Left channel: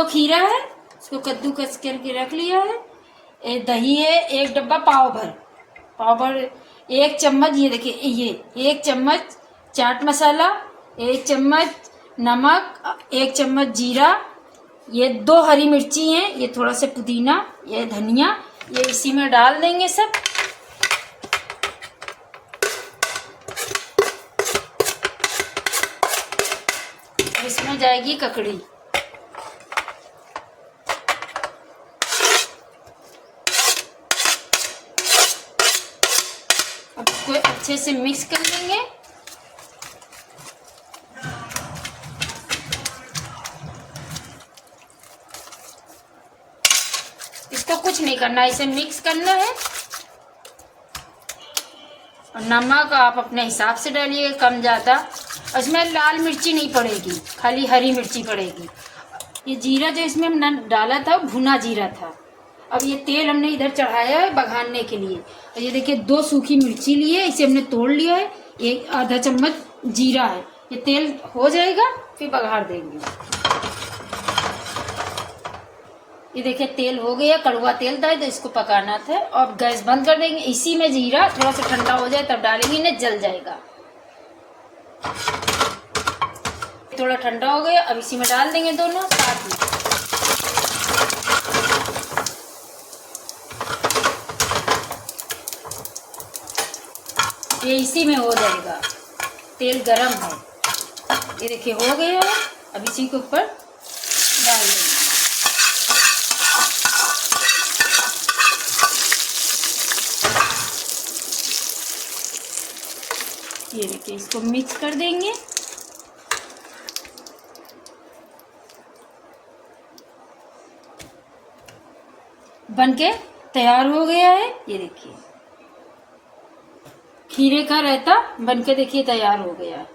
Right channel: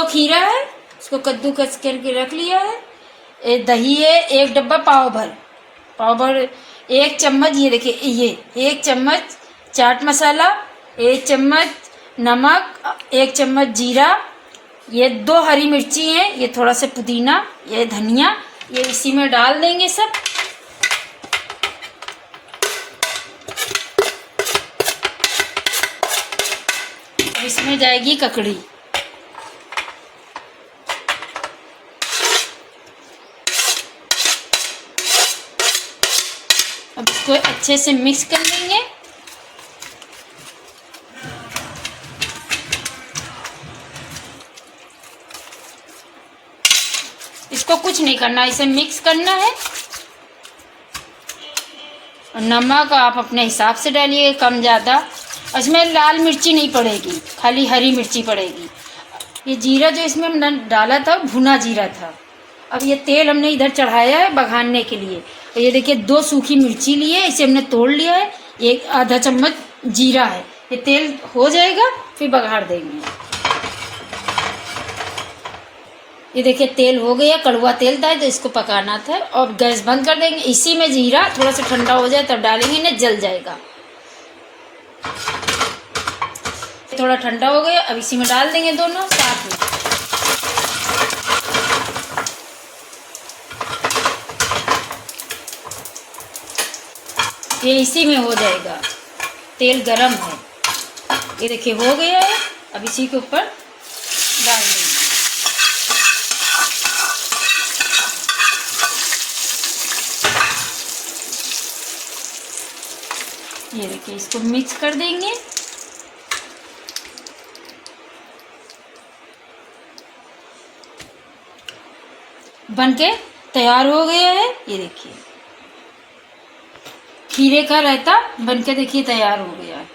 दो खीरा है, इसको कद्दूकस करके रख लिया है। दही है 1 डब्बा पाव भर 1 चम्मच, ये देखिए ये 1 चम्मच चाट मसाला, 1 चम्मच नमक, 1 चम्मच जीरा, ये 2 हरी मिर्ची हैं, ये थोड़ा सा पुदीना, ये धनिया, ये इसी में डाल देंगे सब। इसमें जाएगी ककड़ी। अब इसको अच्छे से मिक्स कर लेंगे। इसको कुछ नहीं करना, इसे मिक्स करना है। और नमक आप अपने हिसाब से डालिए, कम ज़्यादा। इसमें लाल मिर्ची नहीं पड़ेगी, खाली हरी मिर्ची पड़ेगी। ये जीरा जो इसमें हमने डाला था भुना जीरा था। अब ये तेल हमने इधर चढ़ाया है बघारने के लिए। और ये देखिए 2 सूखी मिर्ची ली है, इसे हमने तोड़ लिया है। एक आधा चम्मच जीरा है। ये तेल हो जाएगा फिर बघार देंगे। ये देखिए तेल हो गया, कड़वा तेल था तो इसको पकाना था। और गैस बंद कर देंगे। इसी में जीरा थोड़ा सा ठंडा हो जाए तब डालेंगे, ना जल जाएगा। थोड़ा ठंडा हो गया, अब इसी में डाल देंगे दोनों साथ में। ये इसी में हो जाएगा, तेल गरम है। ये देखिए हो गया है, अब इसी के ऊपर डाल देंगे। ये देखिए इसको मिक्स कर देंगे। बनके तैयार हो गया है। ये देखिए खीरे का रायता बनके देखिए तैयार हो गया है।